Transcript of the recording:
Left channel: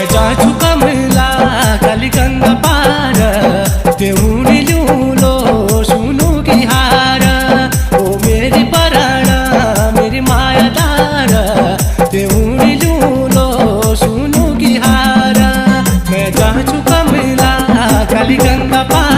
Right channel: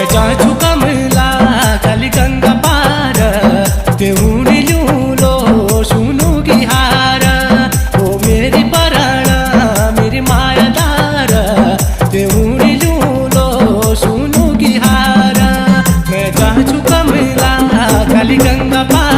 मैं जाछु कमला काली गंगा पार तेउनी लो सुनु की हार ओ मेरी पराणा मेरी मायादार तेउनी लो सुनु की हार मैं जाछु कमला काली गंगा पार